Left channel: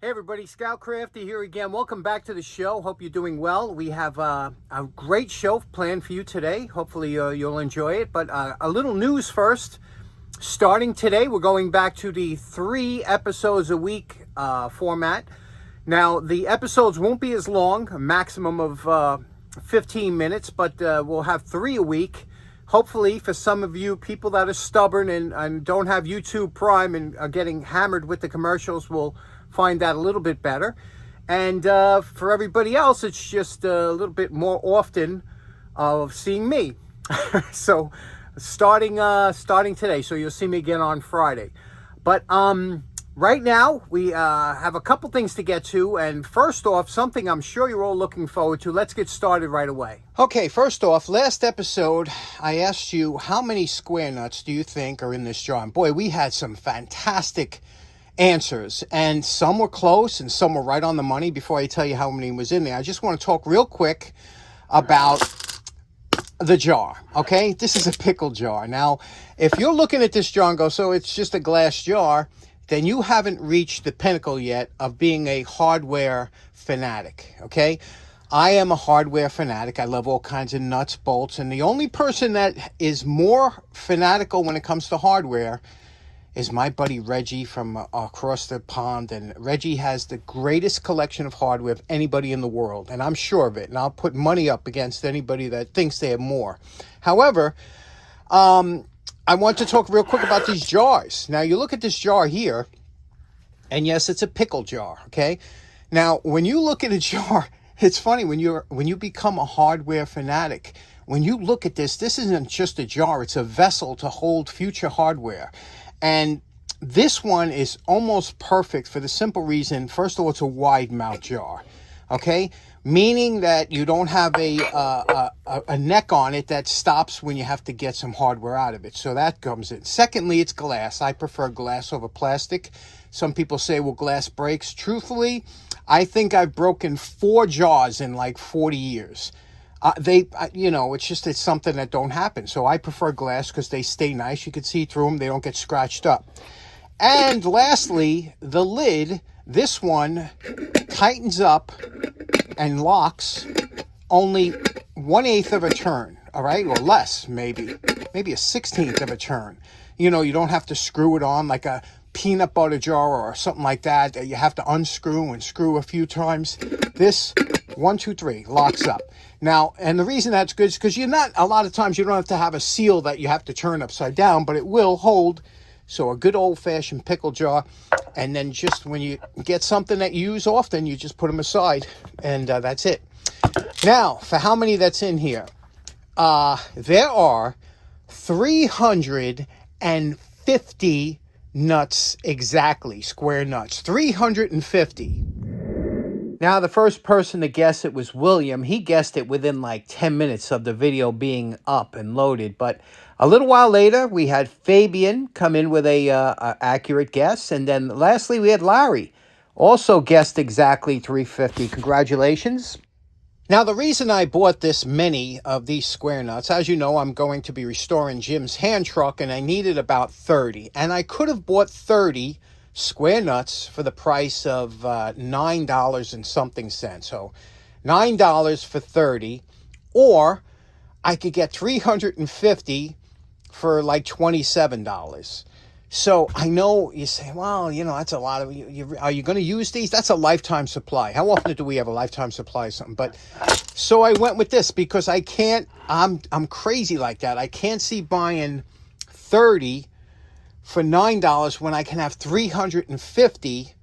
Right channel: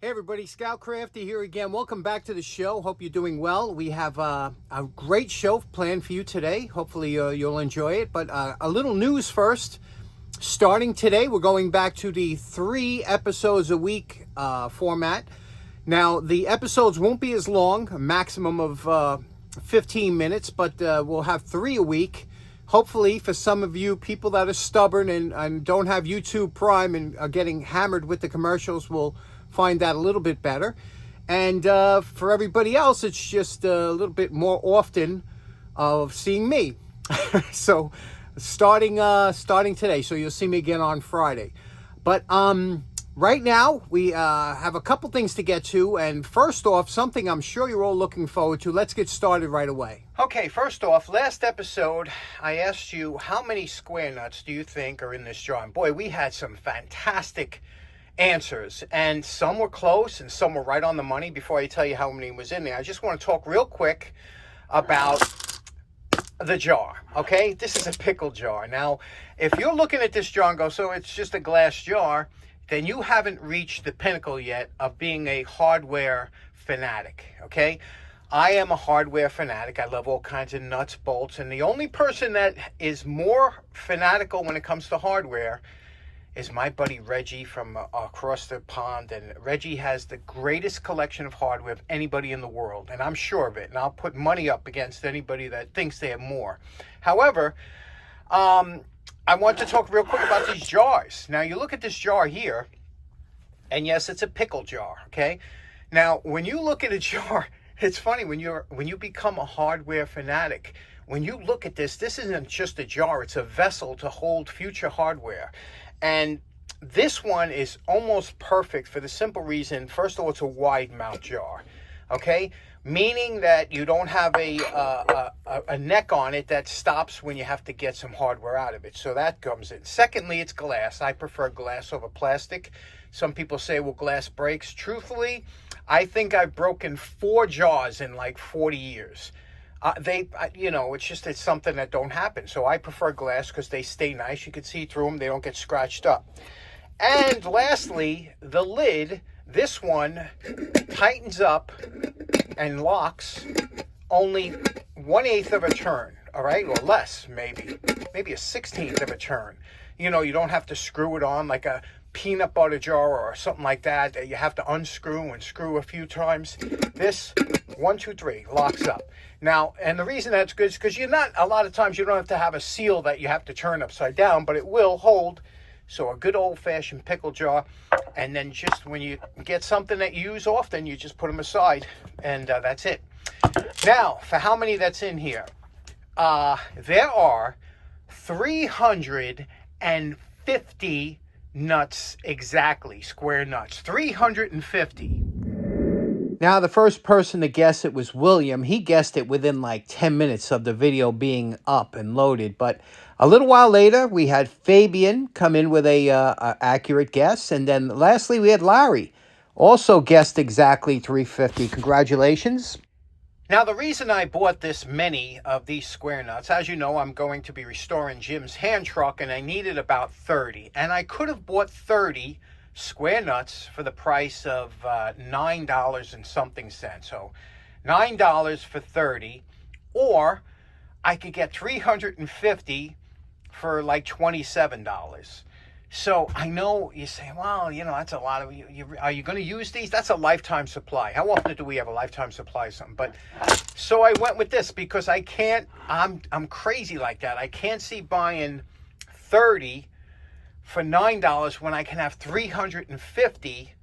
Hey everybody, Scout Crafty here again. Welcome back to the show. Hope you're doing well. We have a great show planned for you today. Hopefully you'll enjoy it. But a little news first. Starting today, we're going back to the 3 episodes a week format. Now, the episodes won't be as long, a maximum of 15 minutes, but we'll have 3 a week. Hopefully, for some of you people that are stubborn and don't have YouTube Prime and are getting hammered with the commercials, will find that a little bit better. And for everybody else, it's just a little bit more often of seeing me. So starting today, so you'll see me again on Friday. But right now we have a couple things to get to, and first off, something I'm sure you're all looking forward to. Let's get started right away. Okay, first off, last episode I asked you how many square nuts do you think are in this jar, and boy, we had some fantastic answers, and some were close and some were right on the money. Before I tell you how many was in there, I just want to talk real quick about the jar. Okay, this is a pickle jar. Now, if you're looking at this jar and go, so it's just a glass jar, then you haven't reached the pinnacle yet of being a hardware fanatic. Okay, I am a hardware fanatic. I love all kinds of nuts, bolts, and the only person that is more fanatical when it comes to hardware is my buddy Reggie from across the pond. And Reggie has the greatest collection of hardware of anybody in the world, and I'm sure of it, and I'll put money up against anybody that thinks they have more. However, I want to talk real quick about these jars. Now, you look at this jar here, and yes, it's a pickle jar. Okay, now when you look at a jar, it's funny when you become a hardware fanatic. When you look at this isn't just a jar, it's a vessel to hold future hardware. And this one is almost perfect for the simple reason, first of all, it's a wide mouth jar, okay? Meaning that you don't have a neck on it that stops when you have to get some hardware out of it. So that comes in. Secondly, it's glass. I prefer glass over plastic. Some people say, well, glass breaks. Truthfully, I think I've broken 4 jars in like 40 years. It's something that don't happen. So I prefer glass because they stay nice. You can see through them. They don't get scratched up. And lastly, the lid, this one tightens up and locks only 1/8 of a turn, all right? Or less, maybe a 1/16 of a turn. You know, you don't have to screw it on like a peanut butter jar or something like that you have to unscrew and screw a few times. This 1, 2, 3 locks up. Now, and the reason that's good is because a lot of times you don't have to have a seal that you have to turn upside down, but it will hold. So a good old-fashioned pickle jar, and then just when you get something that you use often, you just put them aside, and that's it. Now, for how many that's in here, there are 350 nuts exactly, square nuts, 350. Now, the first person to guess it was William. He guessed it within like 10 minutes of the video being up and loaded. But a little while later, we had Fabian come in with a accurate guess. And then lastly, we had Larry, also guessed exactly 350. Congratulations. Now, the reason I bought this many of these square nuts, as you know, I'm going to be restoring Jim's hand truck, and I needed about 30. And I could have bought 30 square nuts for the price of $9 and something cents. So $9 for 30, or I could get 350 for like $27. So I know you say, well, that's a lot of, are you going to use these? That's a lifetime supply. How often do we have a lifetime supply of something? But so I went with this because I can't, I'm crazy like that. I can't see buying 30 for $9 when I can have 350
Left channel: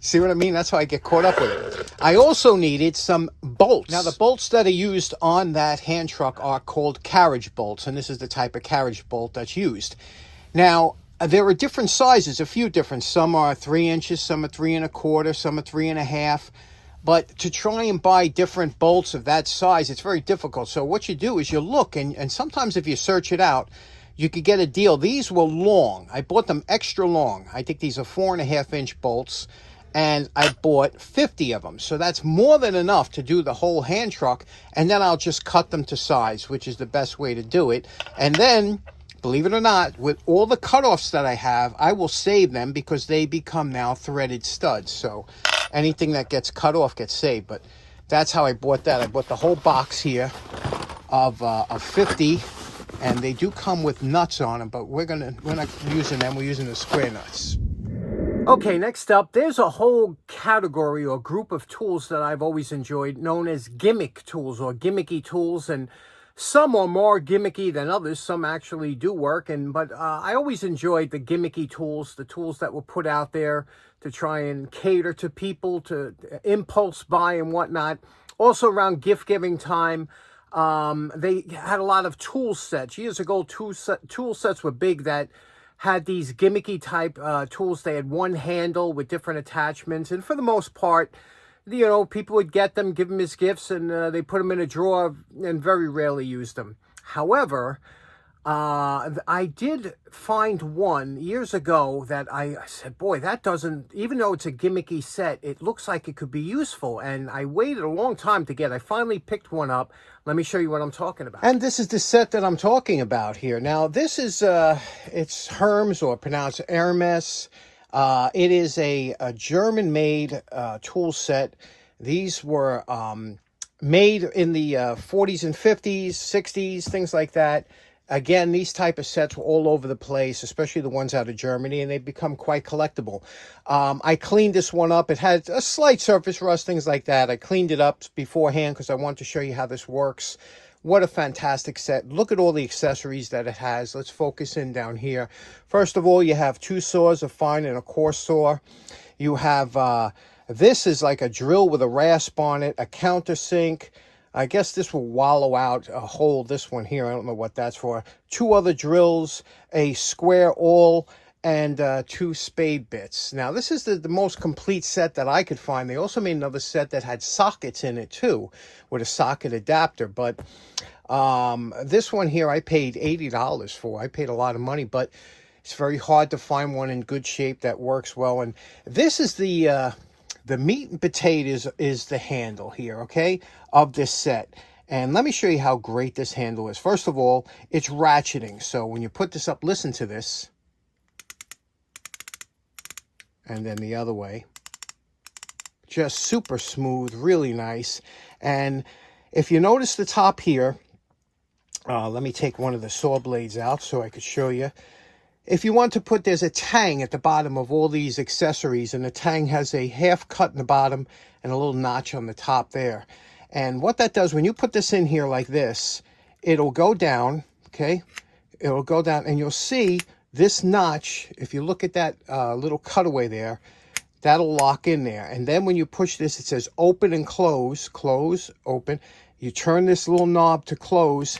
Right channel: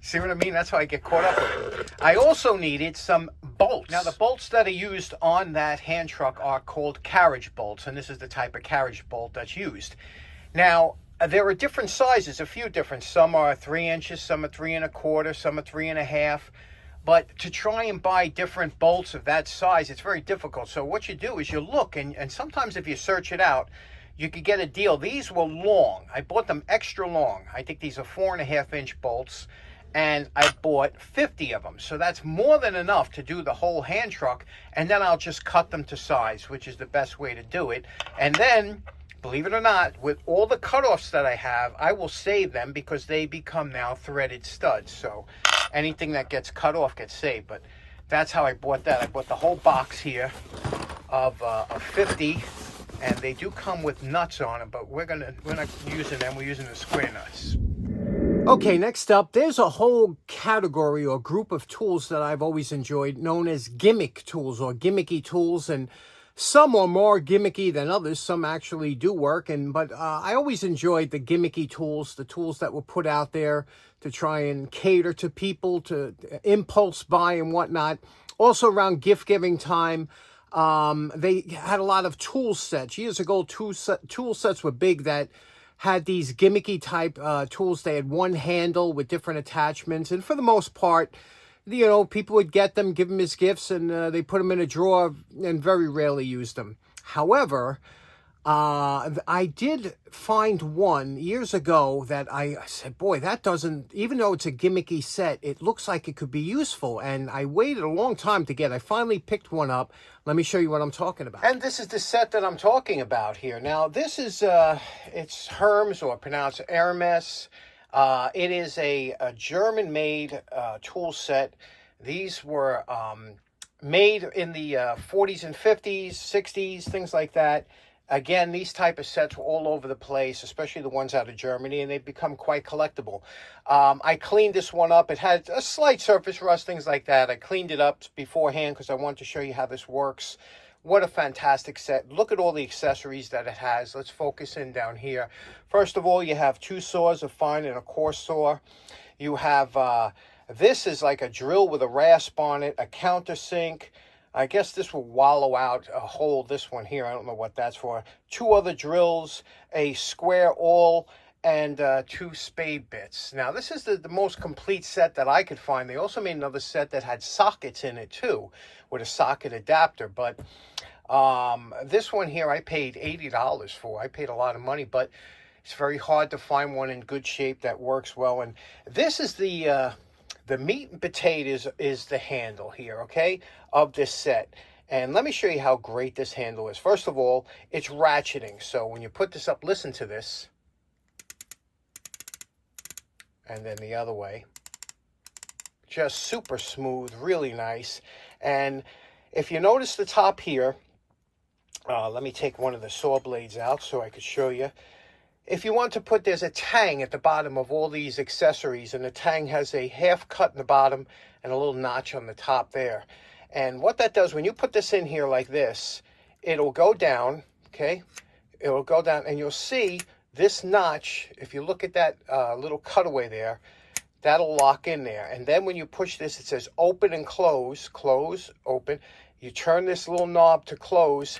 see what I mean? That's how I get caught up with it. I also needed some bolts. Now, the bolts that are used on that hand truck are called carriage bolts, and this is the type of carriage bolt that's used. Now, there are different sizes, a few different. Some are 3 inches, some are 3 1/4, some are 3 1/2. But to try and buy different bolts of that size, it's very difficult. So what you do is you look, and sometimes if you search it out, you could get a deal. These were long. I bought them extra long. I think these are 4 1/2 inch bolts. and I bought 50 of them. So that's more than enough to do the whole hand truck, and then I'll just cut them to size, which is the best way to do it. And then, believe it or not, with all the cutoffs that I have, I will save them because they become now threaded studs. So anything that gets cut off gets saved. But that's how I bought that. I bought the whole box here of 50, and they do come with nuts on them, but we're not using them. We're using the square nuts. Okay, next up, there's a whole category or group of tools that I've always enjoyed known as gimmick tools or gimmicky tools, and some are more gimmicky than others. Some actually do work, but I always enjoyed the gimmicky tools, the tools that were put out there to try and cater to people, to impulse buy and whatnot. Also around gift giving time, they had a lot of tool sets. Years ago, tool sets were big that had these gimmicky type tools. They had one handle with different attachments, and for the most part, you know, people would get them, give them as gifts, and they put them in a drawer and very rarely used them. However, I did find one years ago that I said, boy, that doesn't, even though it's a gimmicky set, it looks like it could be useful. And I waited a long time to get. I finally picked one up. Let me show you what I'm talking about. And this is the set that I'm talking about here. Now, this is, it's Hermes, or pronounced Hermes. It is a German-made tool set. These were made in the 40s and 50s, 60s, things like that. Again, these type of sets were all over the place, especially the ones out of Germany, and they've become quite collectible. I cleaned this one up. It had a slight surface rust, things like that. I cleaned it up beforehand because I wanted to show you how this works. What a fantastic set. Look at all the accessories that it has. Let's focus in down here. First of all, you have two saws, a fine and a coarse saw. You have, this is like a drill with a rasp on it, a countersink. I guess this will wallow out a hole, this one here. I don't know what that's for. Two other drills, a square awl, and two spade bits. Now, this is the most complete set that I could find. They also made another set that had sockets in it, too, with a socket adapter. But this one here, I paid $80 for. I paid a lot of money, but it's very hard to find one in good shape that works well. And this is the meat and potatoes is the handle here, okay, of this set. And let me show you how great this handle is. First of all, it's ratcheting. So when you put this up, listen to this. And then the other way. Just super smooth, really nice. And if you notice the top here, let me take one of the saw blades out so I could show you. If you want to put, there's a tang at the bottom of all these accessories, and the tang has a half cut in the bottom and a little notch on the top there. And what that does, when you put this in here like this, it'll go down, okay? It'll go down, and you'll see this notch, if you look at that little cutaway there, that'll lock in there. And then when you push this, it says open and close, close, open. You turn this little knob to close.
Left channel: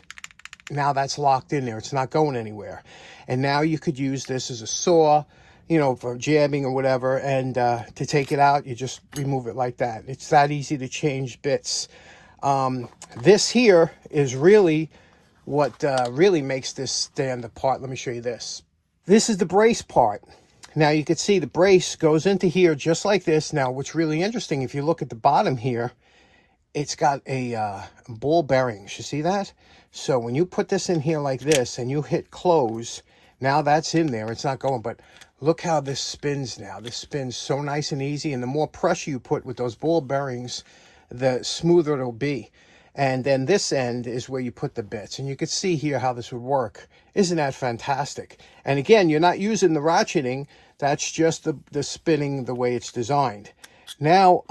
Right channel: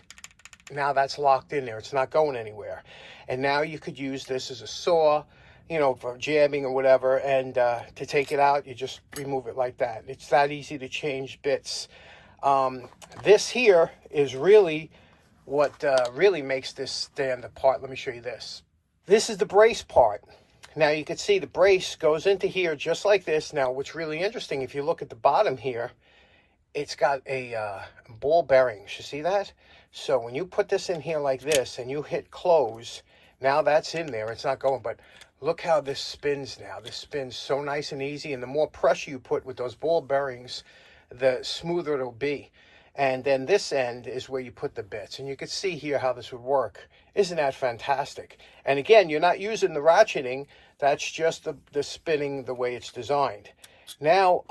Now that's locked in there. It's not going anywhere. And now you could use this as a saw, you know, for jamming or whatever. And to take it out, you just remove it like that. It's that easy to change bits. This here is really what really makes this stand apart. Let me show you this. This is the brace part. Now you can see the brace goes into here just like this. Now what's really interesting, if you look at the bottom here, it's got a ball bearing. You see that? So when you put this in here like this and you hit close, now that's in there. It's not going, but look how this spins now. This spins so nice and easy, and the more pressure you put with those ball bearings, the smoother it'll be. And then this end is where you put the bits, and you can see here how this would work. Isn't that fantastic? And again, you're not using the ratcheting. That's just the spinning the way it's designed. Now,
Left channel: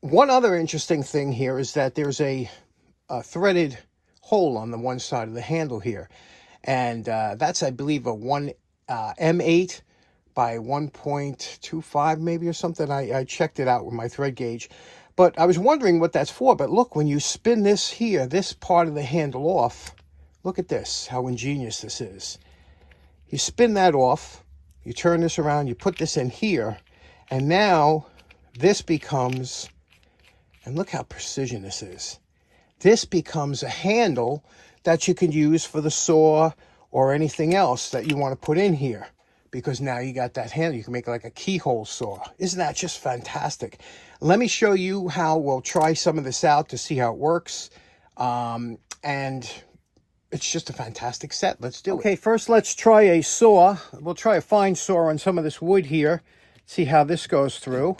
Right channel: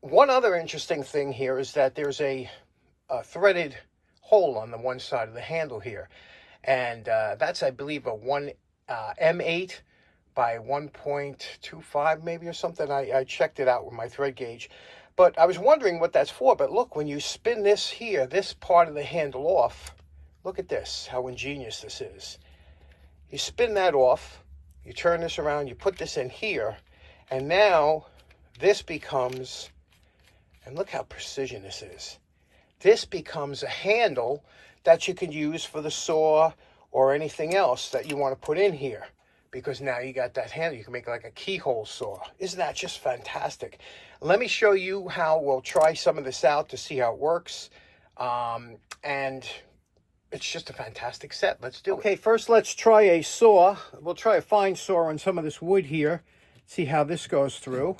one other interesting thing here is that there's a threaded hole on the one side of the handle here. And that's, I believe, a M8 by 1.25 maybe or something. I checked it out with my thread gauge. But I was wondering what that's for. But look, when you spin this here, this part of the handle off, look at this, how ingenious this is. You spin that off, you turn this around, you put this in here, and now this becomes, and look how precision this is. This becomes a handle that you can use for the saw or anything else that you want to put in here. because now you got that handle. You can make like a keyhole saw. Isn't that just fantastic? Let me show you how we'll try some of this out to see how it works. And it's just a fantastic set. Let's do it. Okay, first let's try a saw. We'll try a fine saw on some of this wood here. See how this goes through.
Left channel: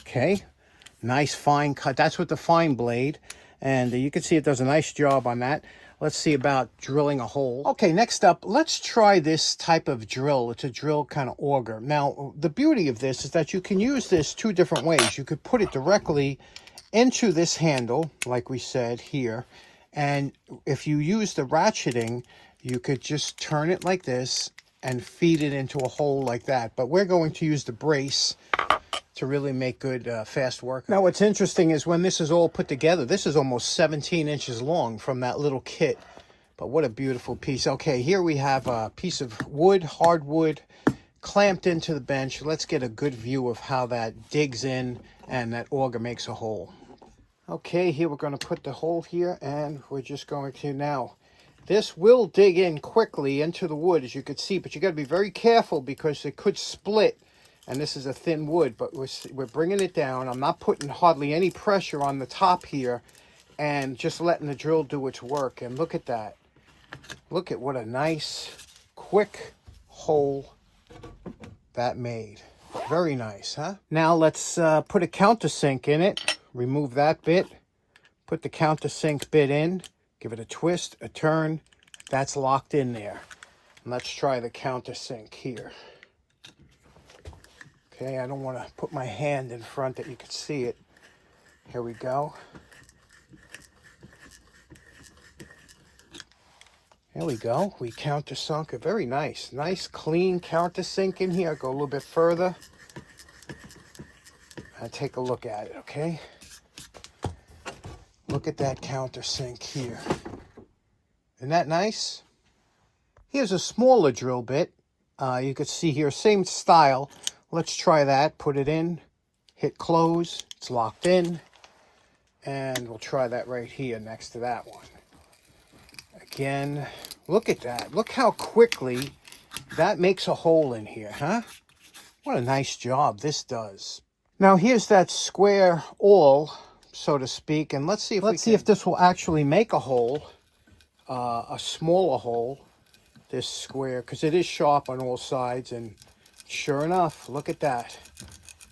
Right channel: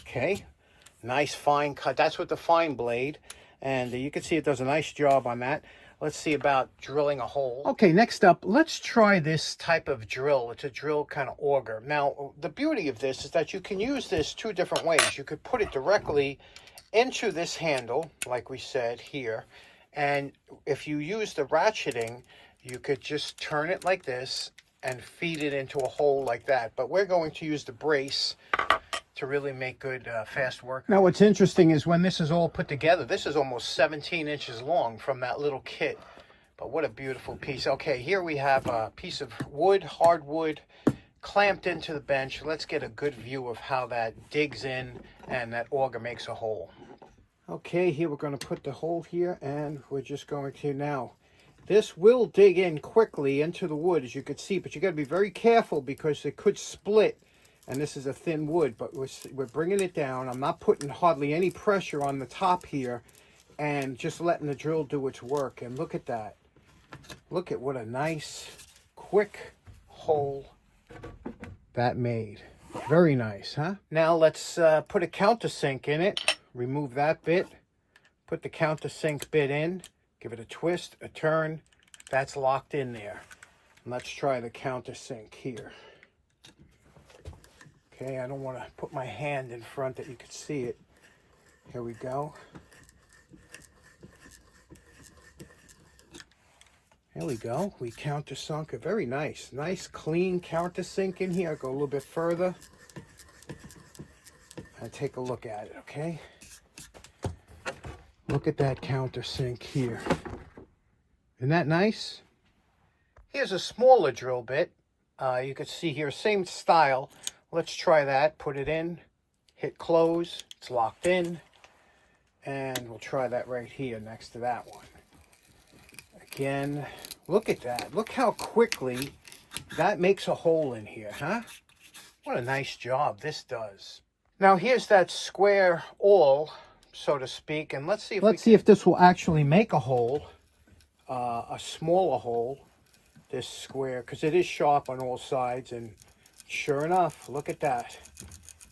Okay, nice fine cut. That's with the fine blade. And you can see it does a nice job on that. Let's see about drilling a hole. Okay, next up, let's try this type of drill. It's a drill kind of auger. Now, the beauty of this is that you can use this two different ways. You could put it directly into this handle, like we said here. And if you use the ratcheting, you could just turn it like this and feed it into a hole like that. But we're going to use the brace to really make good fast work. Now what's interesting is when this is all put together, this is almost 17 inches long from that little kit. But what a beautiful piece. Okay, here we have a piece of wood, hardwood, clamped into the bench. Let's get a good view of how that digs in and that auger makes a hole. Okay, here we're going to put the hole here, and we're just going to now. This will dig in quickly into the wood, as you can see, but you got to be very careful because it could split. And this is a thin wood, but we're bringing it down. I'm not putting hardly any pressure on the top here, and just letting the drill do its work. And look at that. Look at what a nice, quick hole that made. Very nice, huh? Now let's put a countersink in it. Remove that bit. Put the countersink bit in. Give it a twist, a turn. That's locked in there. And let's try the countersink here. Okay, I don't want to put my hand in front that you can see it. Here we go. There we go. We countersunk it. Very nice. Nice, clean countersink in here. I'll go a little bit further. And take a look at it, okay? Look at that countersink here. Isn't that nice? Here's a smaller drill bit. You can see here, same style. Let's try that. Put it in, hit close, it's locked in, and we'll try that right here next to that one. Again, look at that. Look how quickly that makes a hole in here, huh? What a nice job this does. Now here's that square awl, so to speak, and let's see if this will actually make a hole, a smaller hole, this square, because it is sharp on all sides. And sure enough, look at that.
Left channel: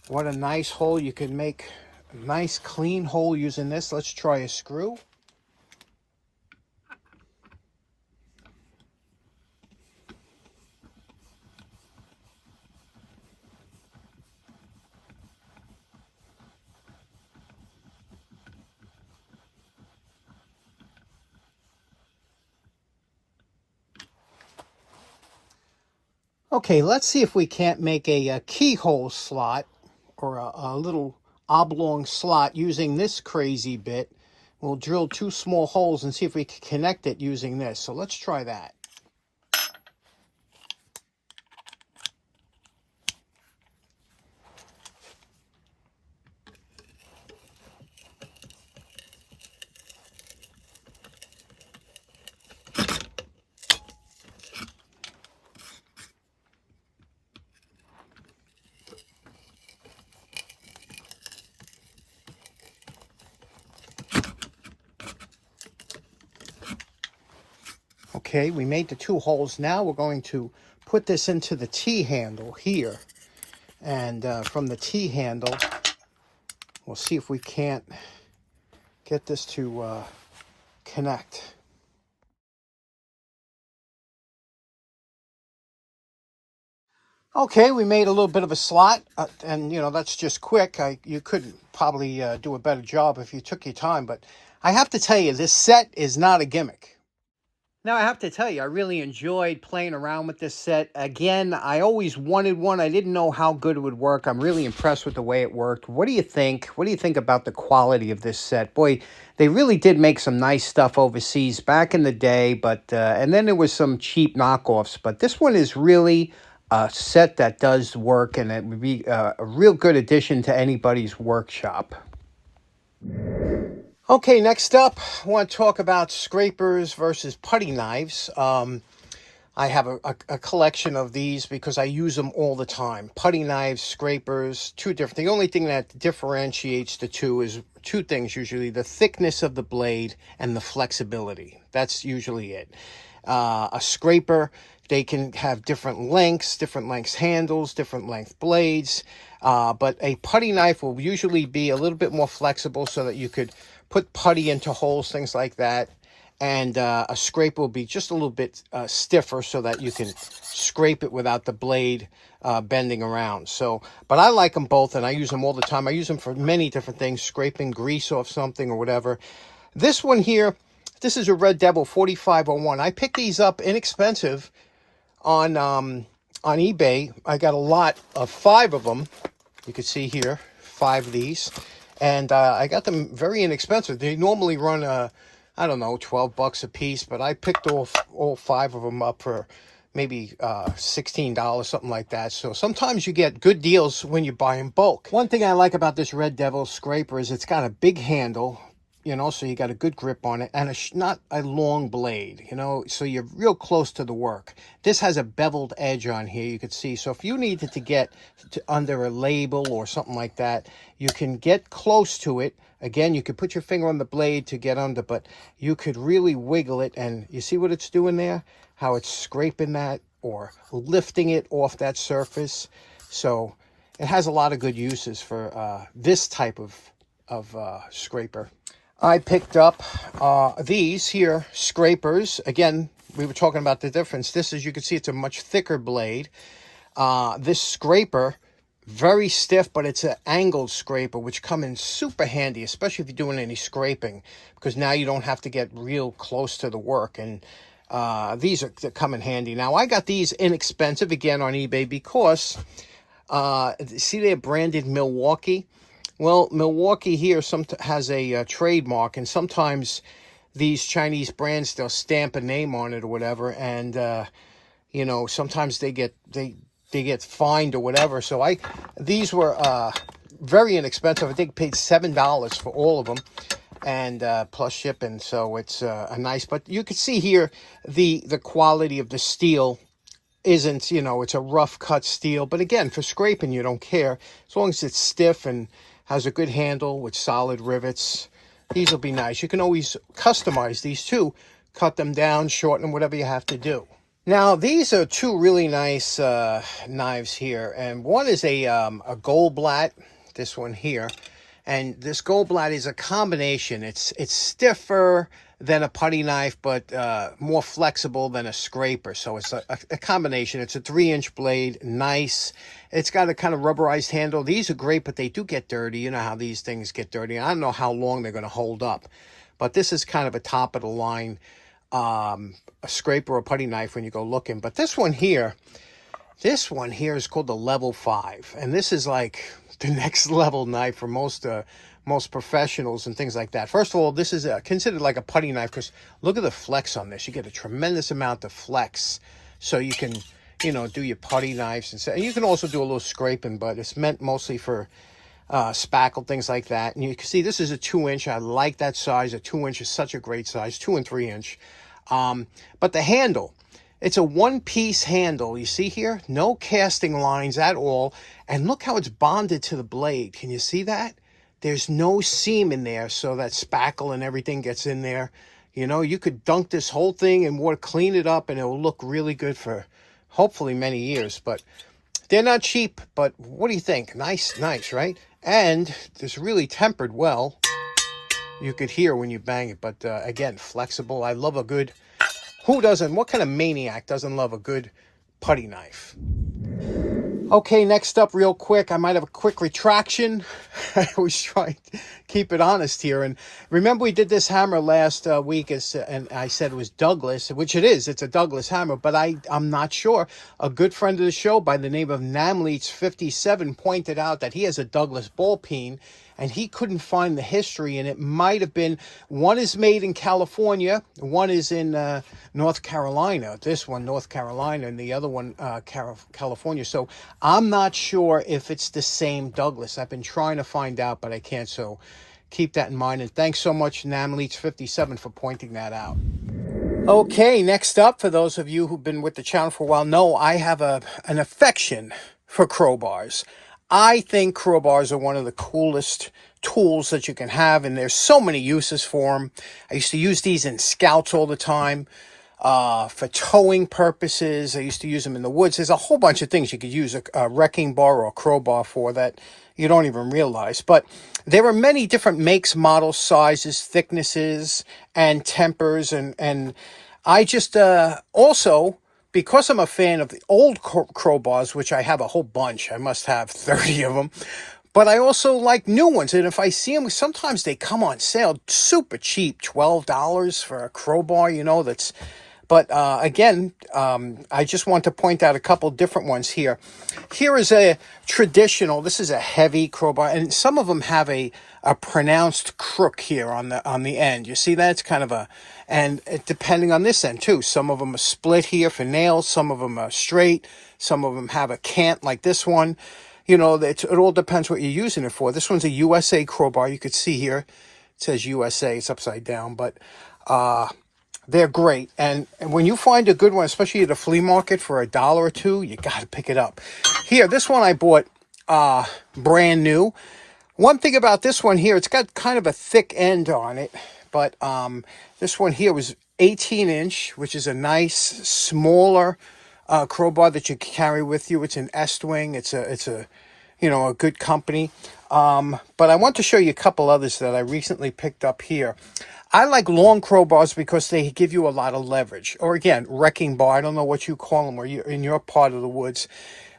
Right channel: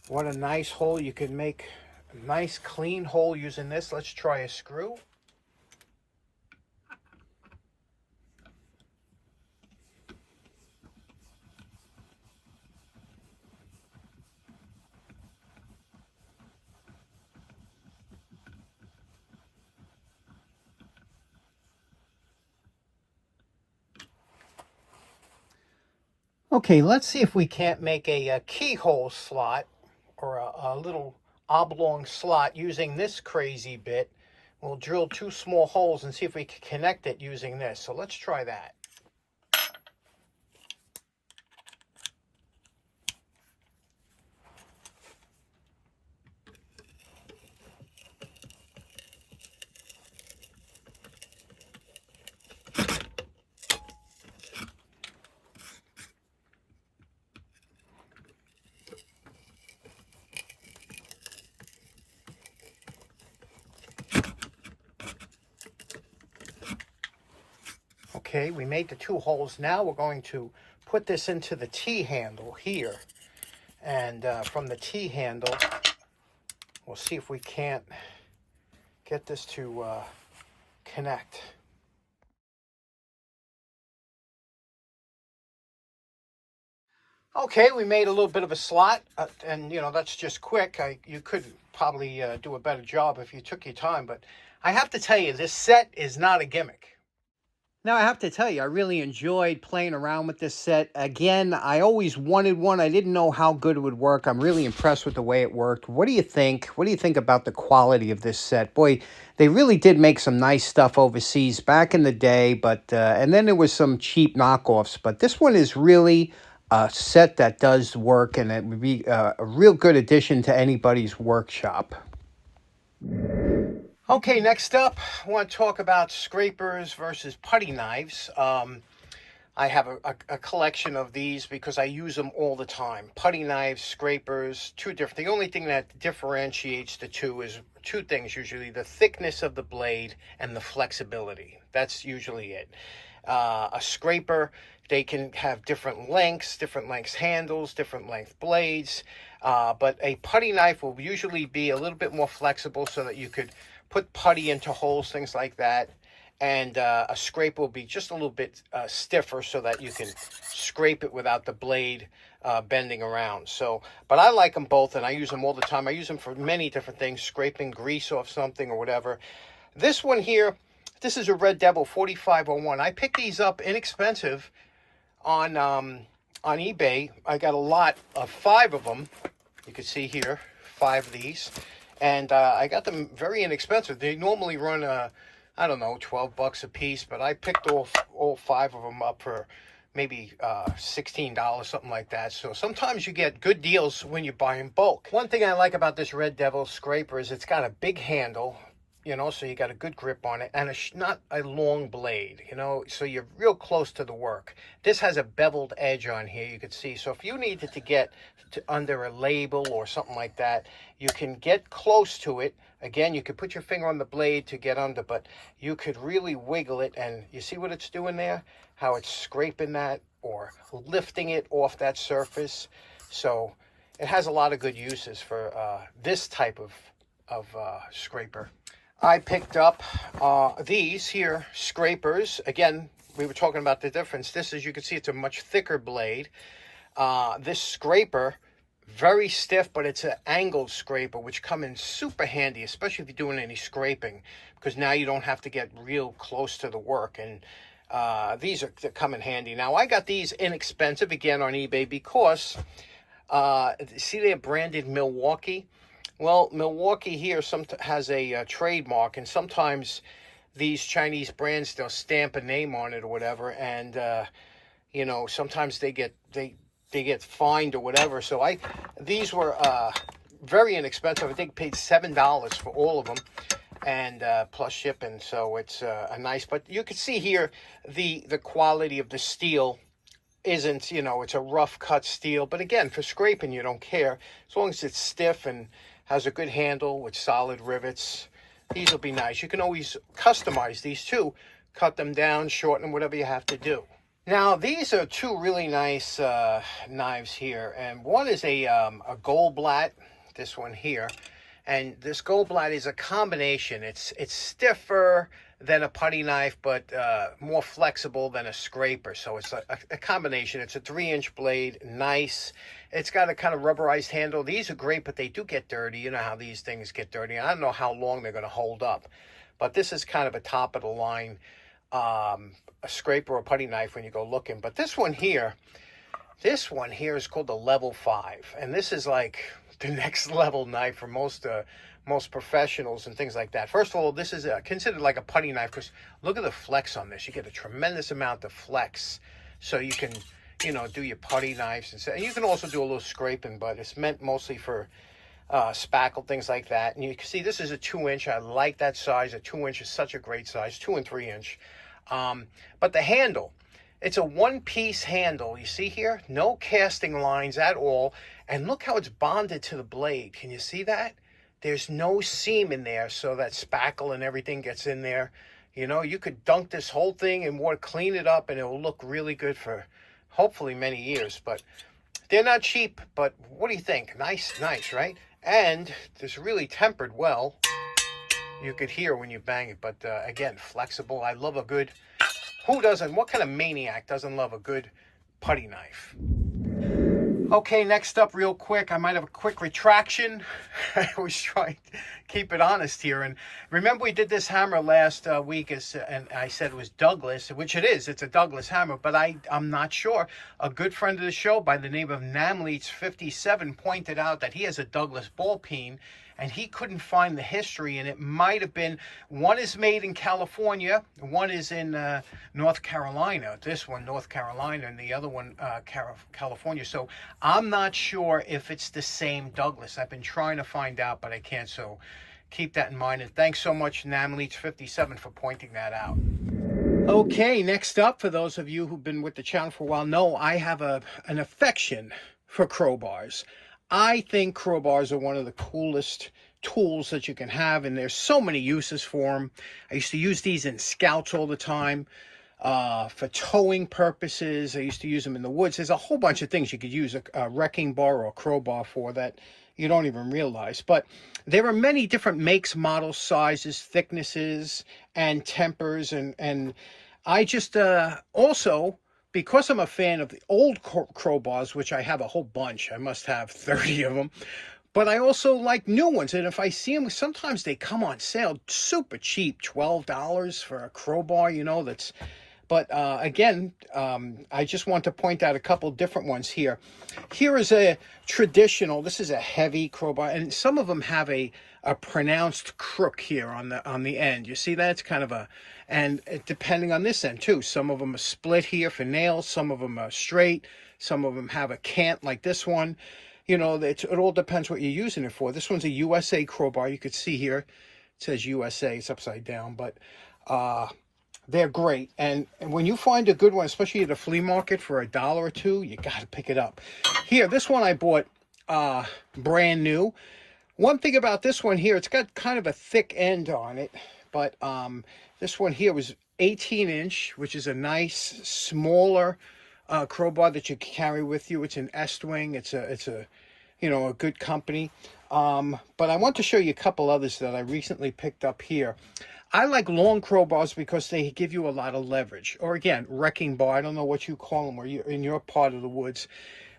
What a nice hole. You can make a nice clean hole using this. Let's try a screw. Okay, let's see if we can't make a keyhole slot or a little oblong slot using this crazy bit. We'll drill two small holes and see if we can connect it using this. So let's try that. Okay, we made the two holes. Now we're going to put this into the T-handle here. And from the T-handle, we'll see if we can't get this to connect. Okay, we made a little bit of a slot, and you know, that's just quick. You could probably do a better job if you took your time, but I have to tell you, this set is not a gimmick. Now, I have to tell you, I really enjoyed playing around with this set. Again, I always wanted one. I didn't know how good it would work. I'm really impressed with the way it worked. What do you think? What do you think about the quality of this set? Boy, they really did make some nice stuff overseas back in the day, but and then there was some cheap knockoffs. But this one is really set that does work, and it would be a real good addition to anybody's workshop. Okay, next up, I want to talk about scrapers versus putty knives. I have a collection of these because I use them all the time. Putty knives, scrapers, two different. The only thing that differentiates the two is two things usually: the thickness of the blade and the flexibility. That's usually it. A scraper, they can have different lengths handles, different length blades. But a putty knife will usually be a little bit more flexible so that you could put putty into holes, things like that. And a scraper will be just a little bit stiffer so that you can scrape it without the blade bending around. So, but I like them both, and I use them all the time. I use them for many different things, scraping grease off something or whatever. This one here, this is a Red Devil 4501. I picked these up inexpensive on eBay. I got a lot of 5 of them. You can see here, 5 of these. And I got them very inexpensive. They normally run, I don't know, $12 a piece, but I picked all 5 of them up for maybe $16, something like that. So sometimes you get good deals when you buy in bulk. One thing I like about this Red Devil scraper is it's got a big handle, you know, so you got a good grip on it, and not a long blade, you know, so you're real close to the work. This has a beveled edge on here, you can see. So if you needed to get under a label or something like that, you can get close to it. Again, you could put your finger on the blade to get under, but you could really wiggle it, and you see what it's doing there? How it's scraping that or lifting it off that surface. So it has a lot of good uses for this type of scraper. I picked up these here scrapers. Again, we were talking about the difference. This, as you can see, it's a much thicker blade. This scraper, very stiff, but it's an angled scraper, which come in super handy, especially if you're doing any scraping, because now you don't have to get real close to the work. And these come in handy. Now, I got these inexpensive, again, on eBay because, see, they're branded Milwaukee. Well, Milwaukee here has a trademark, and sometimes these Chinese brands, they'll stamp a name on it or whatever, and you know, sometimes they get fined or whatever. So these were very inexpensive. I think paid $7 for all of them, and plus shipping. So it's a nice. But you can see here the quality of the steel isn't, you know, it's a rough cut steel. But again, for scraping, you don't care as long as it's stiff and has a good handle with solid rivets. These will be nice. You can always customize these too. Cut them down, shorten them, whatever you have to do. Now, these are 2 really nice knives here. And one is a Goldblatt, this one here. And this Goldblatt is a combination. It's stiffer than a putty knife, but more flexible than a scraper. So it's a combination. It's a 3-inch blade, nice. It's got a kind of rubberized handle. These are great, but they do get dirty. You know how these things get dirty. I don't know how long they're going to hold up. But this is kind of a top-of-the-line a scraper or putty knife when you go looking. But this one here is called the Level 5. And this is like the next level knife for most professionals and things like that. First of all, this is considered like a putty knife because look at the flex on this. You get a tremendous amount of flex, so you can, you know, do your putty knives and stuff. And you can also do a little scraping, but it's meant mostly for spackle, things like that. And you can see this is a 2-inch. I like that size. A 2-inch is such a great size, 2 and 3-inch. But the handle, it's a 1-piece handle. You see here, no casting lines at all. And look how it's bonded to the blade. Can you see that? There's no seam in there, so that spackle and everything gets in there. You know, you could dunk this whole thing in water, clean it up, and it will look really good for hopefully many years. But they're not cheap, but what do you think? Nice, right? And it's really tempered well. You could hear when you bang it, but again, flexible. I love a good, who doesn't, what kind of maniac doesn't love a good putty knife? Okay, next up real quick, I might have a quick retraction. I always try to keep it honest here. And remember we did this hammer last week, and I said it was Douglas, which it is. It's a Douglas hammer, but I'm not sure. A good friend of the show by the name of Namleets57 pointed out that he has a Douglas ball peen, and he couldn't find the history, and it might have been, one is made in California, one is in North Carolina, this one North Carolina, and the other one California. So I'm not sure if it's the same Douglas. I've been trying to find out, but I can't, so keep that in mind. And thanks so much, Namleets57, for pointing that out. Okay, next up, for those of you who've been with the channel for a while, know I have an affection for crowbars. I think crowbars are one of the coolest tools that you can have, and there's so many uses for them. I used to use these in scouts all the time for towing purposes. I used to use them in the woods. There's a whole bunch of things you could use a wrecking bar or a crowbar for that you don't even realize. But there are many different makes, models, sizes, thicknesses, and tempers, and I just also, because I'm a fan of the old crowbars, which I have a whole bunch, I must have 30 of them, but I also like new ones. And if I see them, sometimes they come on sale super cheap, $12 for a crowbar, you know, that's, but again, I just want to point out a couple different ones here. Here is a traditional, this is a heavy crowbar, and some of them have a pronounced crook here on the end. You see that? It's kind of a, and depending on this end too, some of them are split here for nails, some of them are straight, some of them have a cant like this one. You know, it all depends what you're using it for. This one's a USA crowbar. You could see here, it says USA, it's upside down, but they're great. And when you find a good one, especially at a flea market for $1 or $2, you got to pick it up. Here, this one I bought brand new. One thing about this one here, it's got kind of a thick end on it, but this one here was 18-inch, which is a nice, smaller crowbar that you can carry with you. It's an Estwing. It's a you know, a good company. But I want to show you a couple others that I recently picked up here. I like long crowbars because they give you a lot of leverage. Or again, wrecking bar. I don't know what you call them, or you're in your part of the woods.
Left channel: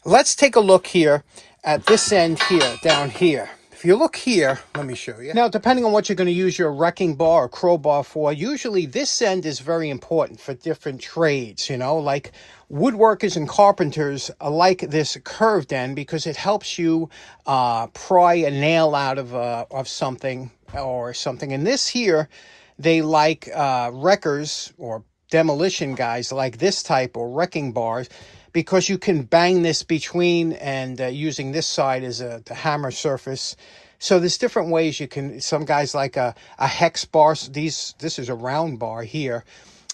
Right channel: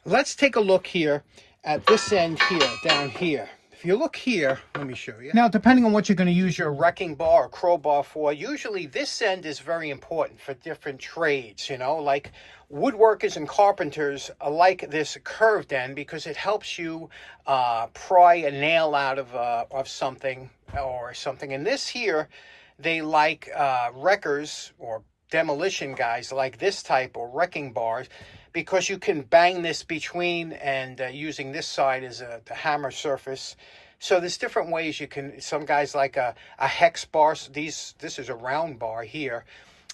Let's take a look here at this end here, down here. If you look here, let me show you. Now, depending on what you're going to use your wrecking bar or crowbar for, usually this end is very important for different trades, you know, like woodworkers and carpenters like this curved end because it helps you pry a nail out of something or something. And this here, they like wreckers or demolition guys like this type or wrecking bars because you can bang this between and using this side as the hammer surface. So there's different ways you can, some guys like a hex bar. This is a round bar here.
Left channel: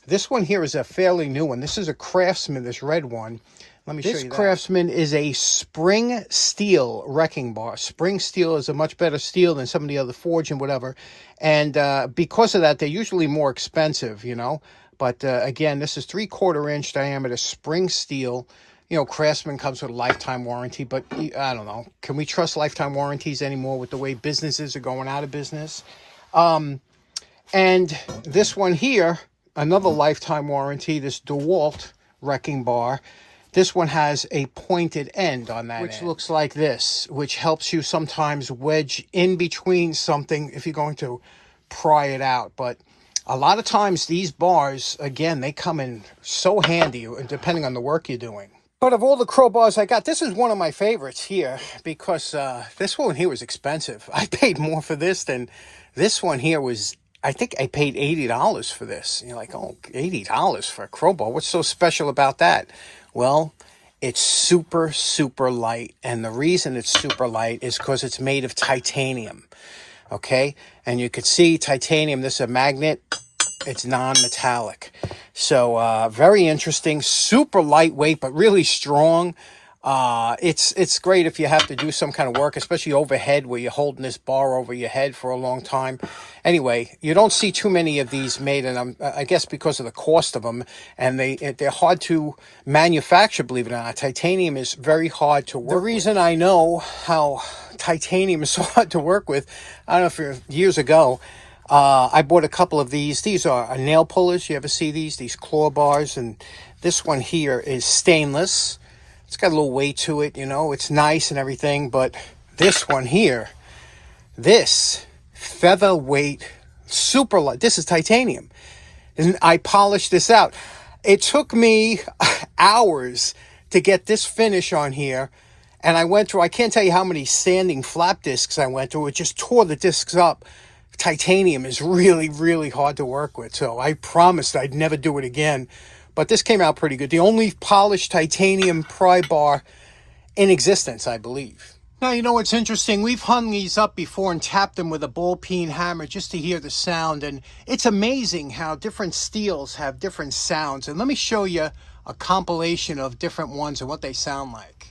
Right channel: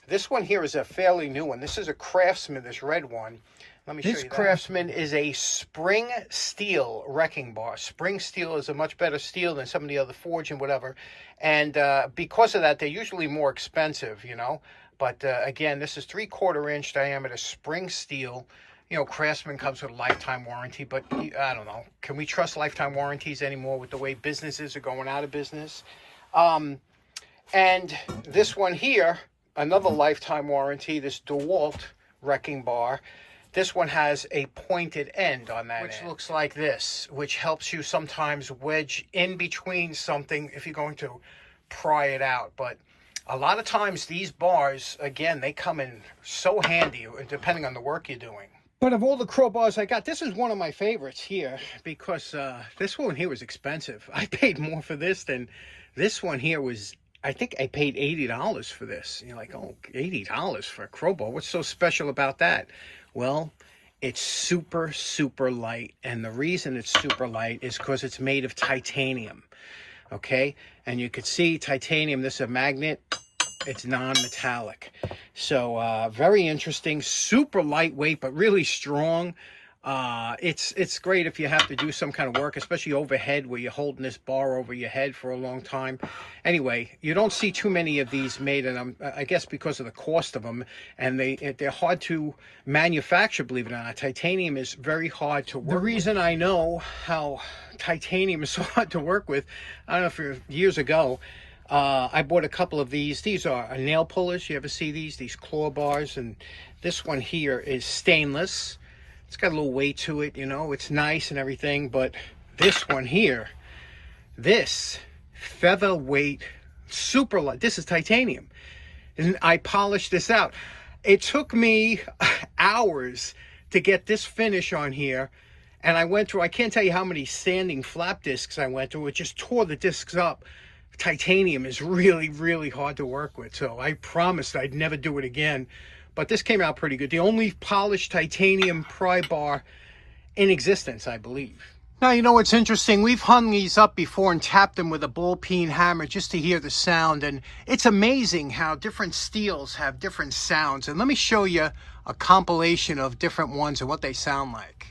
This one here is a fairly new one. This is a Craftsman, this red one. Let me show you that. This Craftsman is a spring steel wrecking bar. Spring steel is a much better steel than some of the other forge and whatever. And because of that, they're usually more expensive, you know. But again, this is 3/4 inch diameter spring steel. You know, Craftsman comes with a lifetime warranty, but I don't know. Can we trust lifetime warranties anymore with the way businesses are going out of business? And this one here, another lifetime warranty, this DeWalt wrecking bar. This one has a pointed end on that which end, looks like this, which helps you sometimes wedge in between something if you're going to pry it out. But a lot of times these bars, again, they come in so handy depending on the work you're doing. But of all the crowbars I got, this is one of my favorites here because this one here was expensive. I paid more for this than this one here was. I think I paid $80 for this. You're like, oh, $80 for a crowbar. What's so special about that? Well, it's super, super light. And the reason it's super light is because it's made of titanium. Okay? And you could see titanium, this is a magnet. It's non-metallic. So very interesting, super lightweight, but really strong. It's great if you have to do some kind of work, especially overhead where you're holding this bar over your head for a long time. Anyway, you don't see too many of these made, and I guess because of the cost of them, and they're hard to manufacture, believe it or not. Titanium is very hard to work with. The reason I know how titanium is so hard to work with, I don't know if years ago, I bought a couple of these. These are nail pullers. You ever see these? These claw bars. And this one here is stainless. It's got a little weight to it, you know. It's nice and everything. But this one here, this featherweight, super light. This is titanium. And I polished this out. It took me hours to get this finish on here. And I went through, I can't tell you how many sanding flap discs I went through. It just tore the discs up. Titanium is really, really hard to work with. So I promised I'd never do it again. But this came out pretty good. The only polished titanium pry bar in existence, I believe. Now, you know what's interesting? We've hung these up before and tapped them with a ball peen hammer just to hear the sound. And it's amazing how different steels have different sounds. And let me show you a compilation of different ones and what they sound like.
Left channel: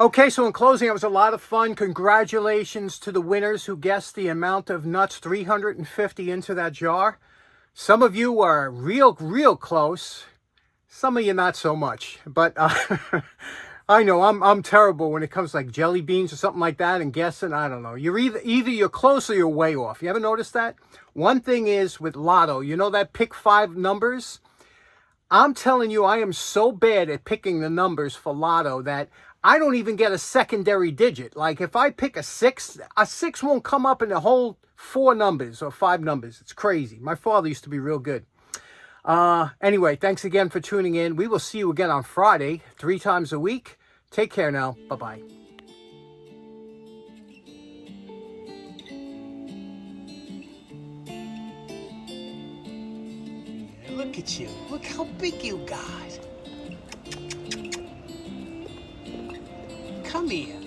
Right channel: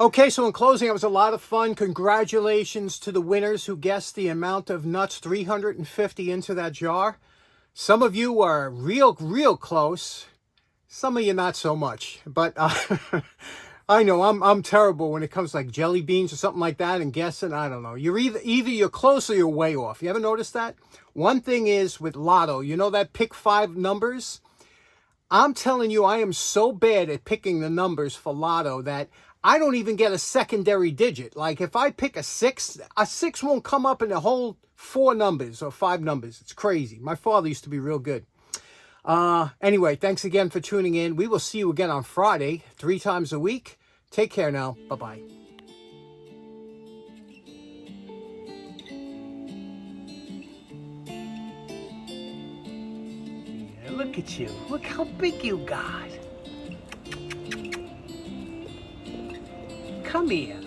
Okay, so in closing, it was a lot of fun. Congratulations to the winners who guessed the amount of nuts, 350 into that jar. Some of you are real close. Some of you not so much. But I know I'm terrible when it comes to like jelly beans or something like that and guessing. I don't know. You're either you're close or you're way off. You ever noticed that? One thing is with Lotto, you know that pick 5 numbers? I'm telling you, I am so bad at picking the numbers for Lotto that I don't even get a secondary digit. Like if I pick a 6 won't come up in the whole 4 numbers or 5 numbers. It's crazy. My father used to be real good. Anyway, thanks again for tuning in. We will see you again on Friday, 3 times a week. Take care now. Bye-bye. Look at you. Look how big you got. Come here.